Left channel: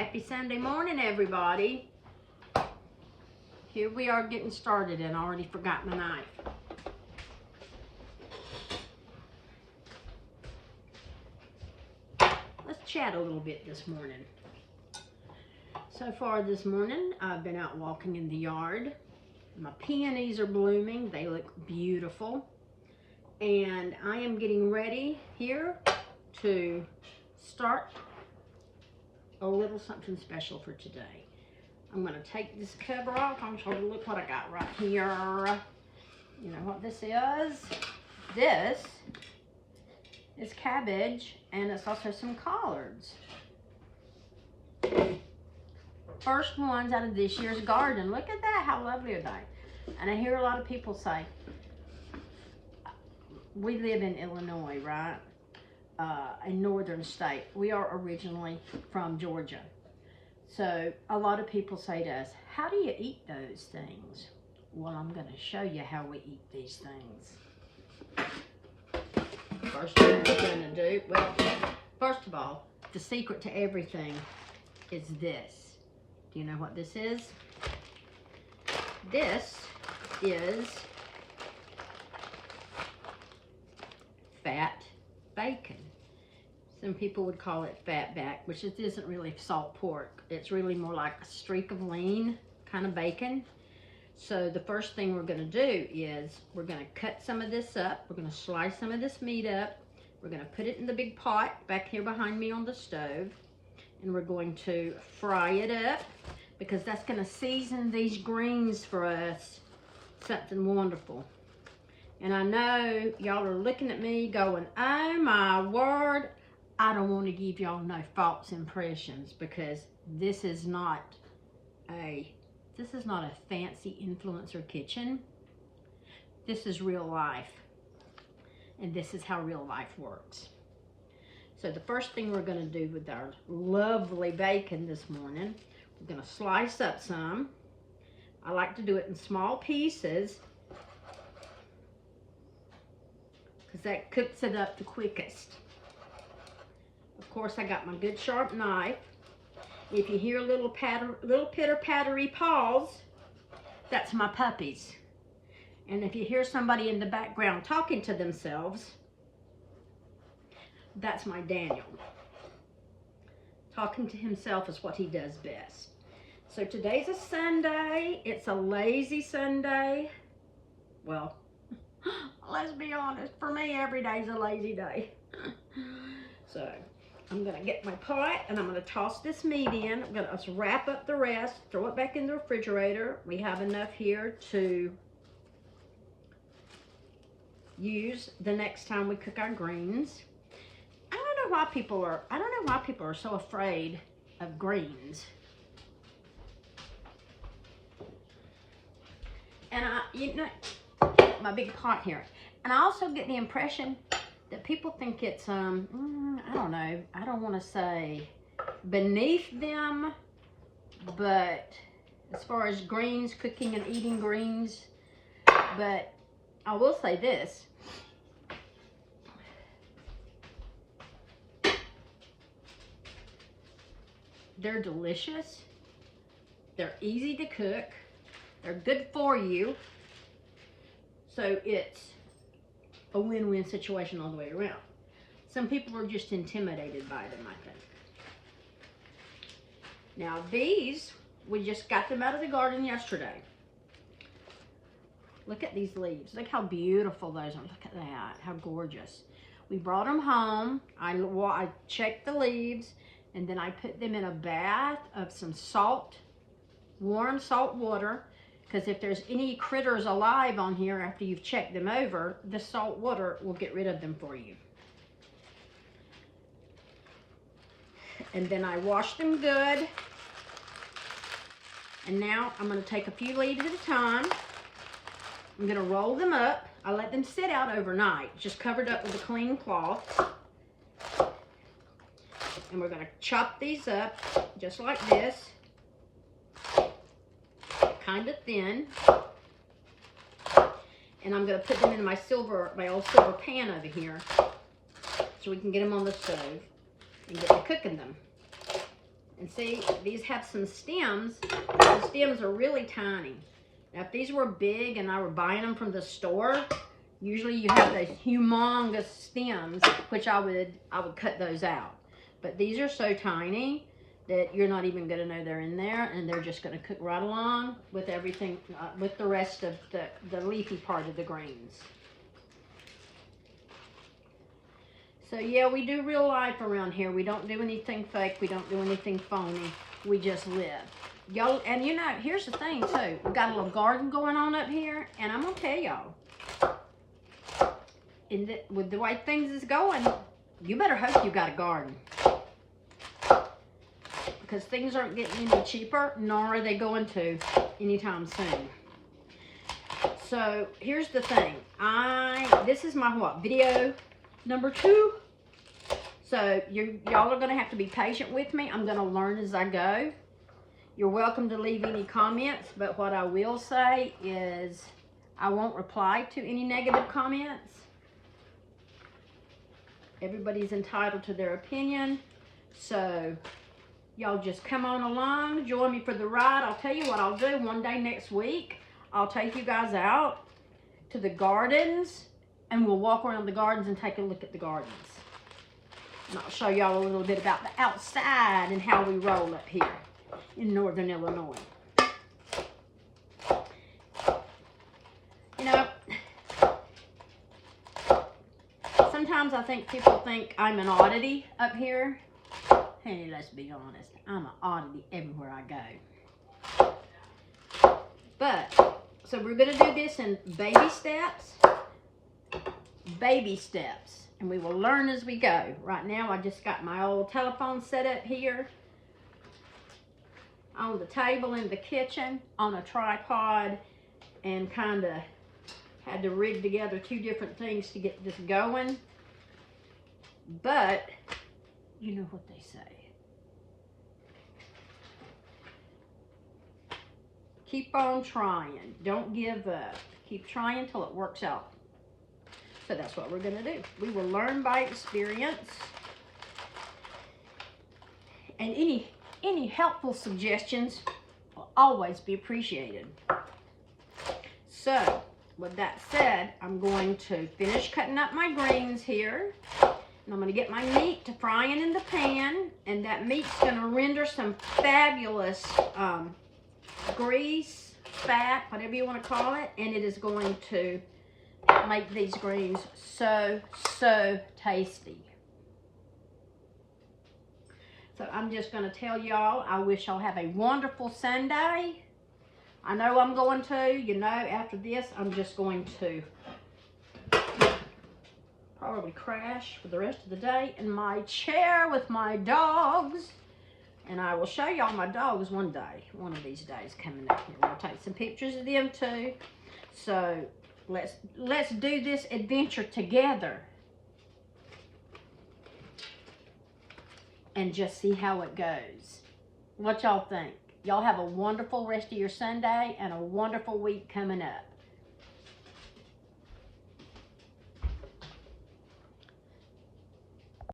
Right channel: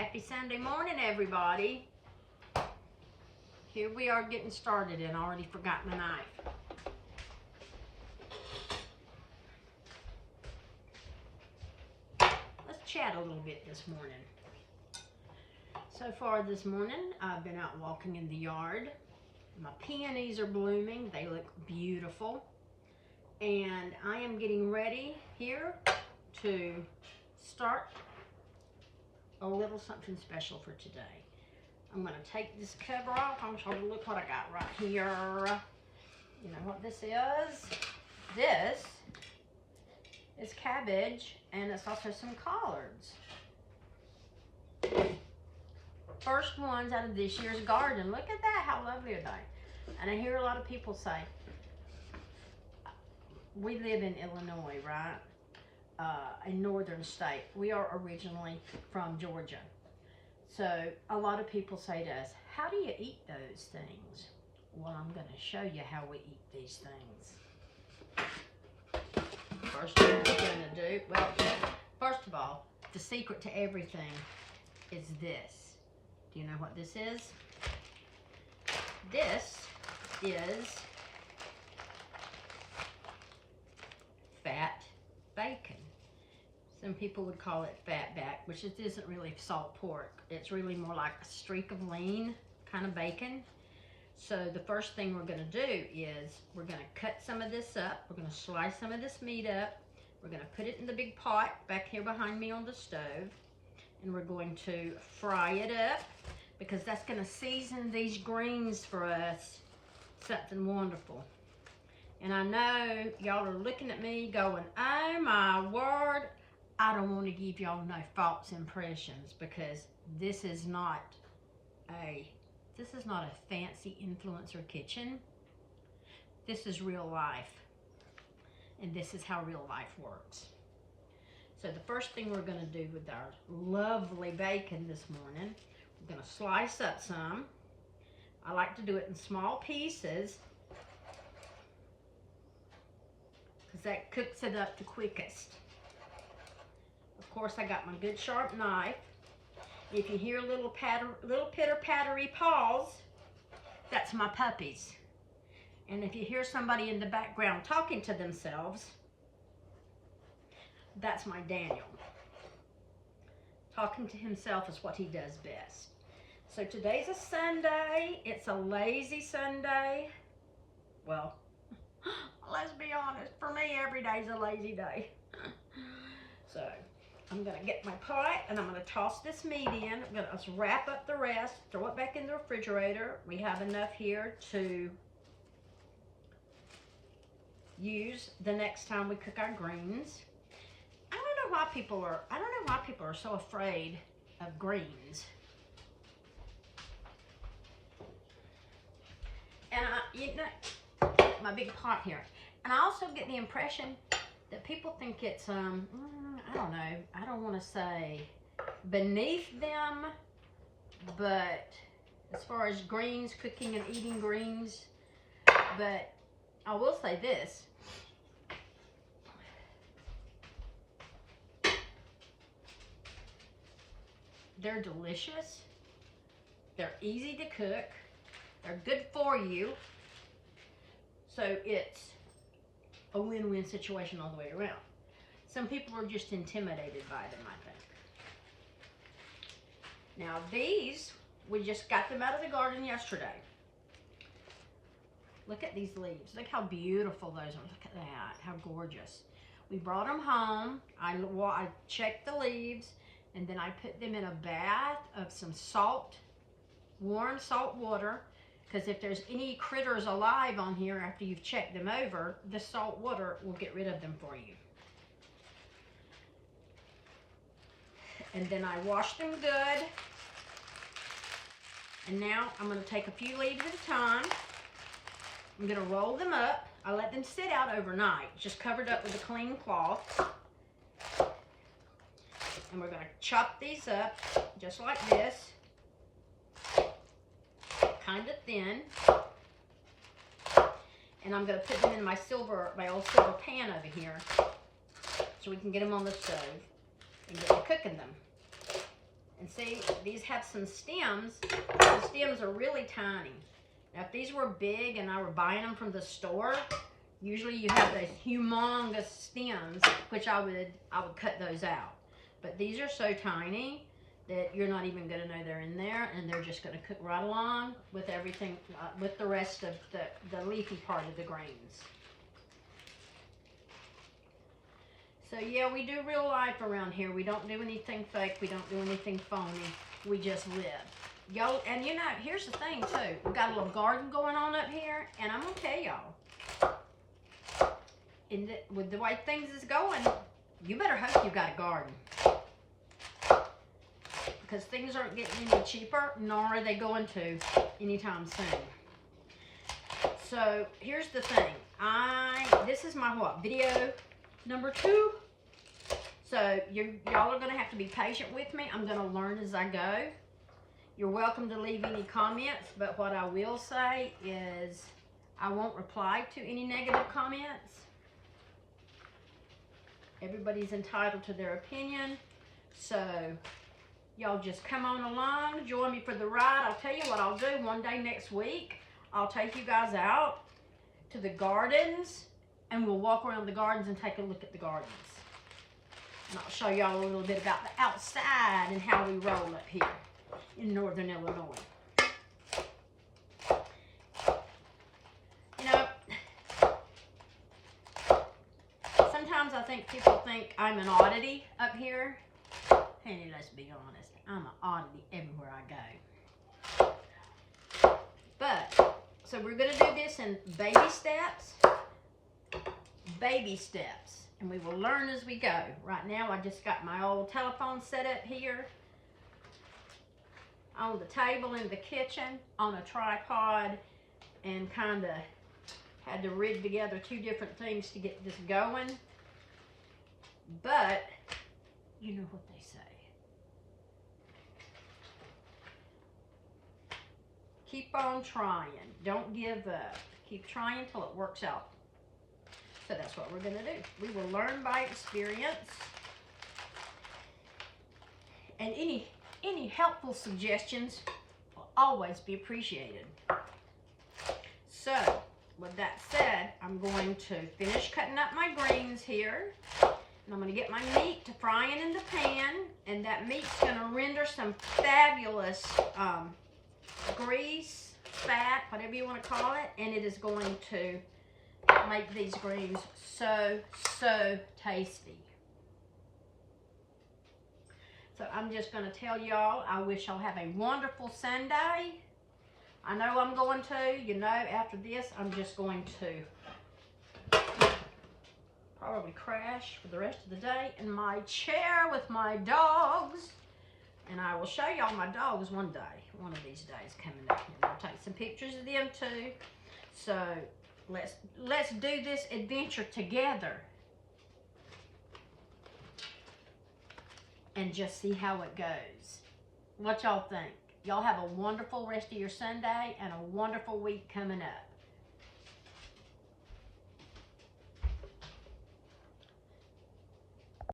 Happy Sunday morning, everybody. Here we are getting started, and I already forgot my knife. Let's chat a little bit this morning. So far this morning, I've been out walking in the yard. My peonies are blooming. They look beautiful. And I am getting ready here to start a little something special for today. I'm going to take this cover off. I'm going to look what I got right here. You know what this is? This is cabbage, and it's also some collards. First ones out of this year's garden. Look at that. How lovely are they? And I hear a lot of people say, we live in Illinois, right? A northern state. We are originally from Georgia. So a lot of people say to us, how do you eat those things? Well, I'm going to show you how we eat these things. First thing we're going to do, well, first of all, the secret to everything is this. Do you know what this is? This is fat bacon. Some people would call it fat back, which it isn't really salt pork. It's really more like a streak of lean kind of bacon. So the first thing we're going to do is we're going to cut some of this up. We're going to slice some of this meat up. We're going to put it in the big pot back here behind me on the stove. And we're going to fry it up because that's going to season these greens for us something wonderful. And I know y'all are looking at me going, oh my word, I don't want to give y'all no false impressions, because this is not a fancy influencer kitchen. This is real life. And this is how real life works. So the first thing we're going to do with our lovely bacon this morning, we're going to slice up some. I like to do it in small pieces because that cooks it up the quickest. Of course, I got my good sharp knife. If you hear little pitter-pattery paws, that's my puppies. And if you hear somebody in the background talking to themselves, that's my Daniel. Talking to himself is what he does best. So today's a Sunday. It's a lazy Sunday. Well, let's be honest. For me, every day's a lazy day. So I'm going to get my pot and I'm going to toss this meat in. I'm going to wrap up the rest, throw it back in the refrigerator. We have enough here to use the next time we cook our greens. I don't know why people are so afraid of greens. And you know, my big pot here. And I also get the impression that people think it's, I don't know, I don't want to say beneath them, but as far as greens, cooking and eating greens, but I will say this. They're delicious. They're easy to cook. They're good for you. So it's a win-win situation all the way around. Some people are just intimidated by them, I think. Now these, we just got them out of the garden yesterday. Look at these leaves. Look how beautiful those are. Look at that. How gorgeous. We brought them home. I checked the leaves, and then I put them in a bath of some salt, warm salt water, because if there's any critters alive on here after you've checked them over, the salt water will get rid of them for you. And then I washed them good. And now I'm going to take a few leaves at a time. I'm going to roll them up. I let them sit out overnight, just covered up with a clean cloth. And we're going to chop these up just like this. Kind of thin, and I'm going to put them in my old silver pan over here so we can get them on the stove and get to cooking them. And see, these have some stems. The stems are really tiny. Now, if these were big and I were buying them from the store, usually you have those humongous stems, which I would cut those out. But these are so tiny that you're not even going to know they're in there, and they're just going to cook right along with everything, with the rest of the leafy part of the greens. So yeah, we do real life around here. We don't do anything fake. We don't do anything phony. We just live. Y'all, and you know, here's the thing too. We've got a little garden going on up here, and I'm gonna tell y'all, with the way things is going, you better hope you got a garden. Because things aren't getting any cheaper, nor are they going to anytime soon. So here's the thing. This is my video number 2. So y'all are gonna have to be patient with me. I'm gonna learn as I go. You're welcome to leave any comments, but what I will say is I won't reply to any negative comments. Everybody's entitled to their opinion. So y'all just come on along, join me for the ride. I'll tell you what I'll do. One day next week, I'll take you guys out to the gardens, and we'll walk around the gardens and take a look at the gardens. And I'll show y'all a little bit about the outside and how we roll up here in Northern Illinois. You know, sometimes I think people think I'm an oddity up here. Hey, let's be honest, I'm an oddity everywhere I go. But, so we're gonna do this in baby steps. Baby steps. And we will learn as we go. Right now, I just got my old telephone set up here on the table in the kitchen on a tripod, and kind of had to rig together 2 different things to get this going. But you know what they say. Keep on trying. Don't give up. Keep trying till it works out. So that's what we're going to do. We will learn by experience. And any helpful suggestions will always be appreciated. So, with that said, I'm going to finish cutting up my greens here. And I'm going to get my meat to frying in the pan. And that meat's going to render some fabulous grease, fat, whatever you want to call it. And it is going to make these greens so tasty. So I'm just going to tell y'all, I wish y'all have a wonderful Sunday. I know I'm going to. You know, after this, I'm just going to probably crash for the rest of the day in my chair with my dogs. And I will show y'all my dogs one day, one of these days coming up here. We'll take some pictures of them too. So let's do this adventure together and just see how it goes. What y'all think? Y'all have a wonderful rest of your Sunday and a wonderful week coming up.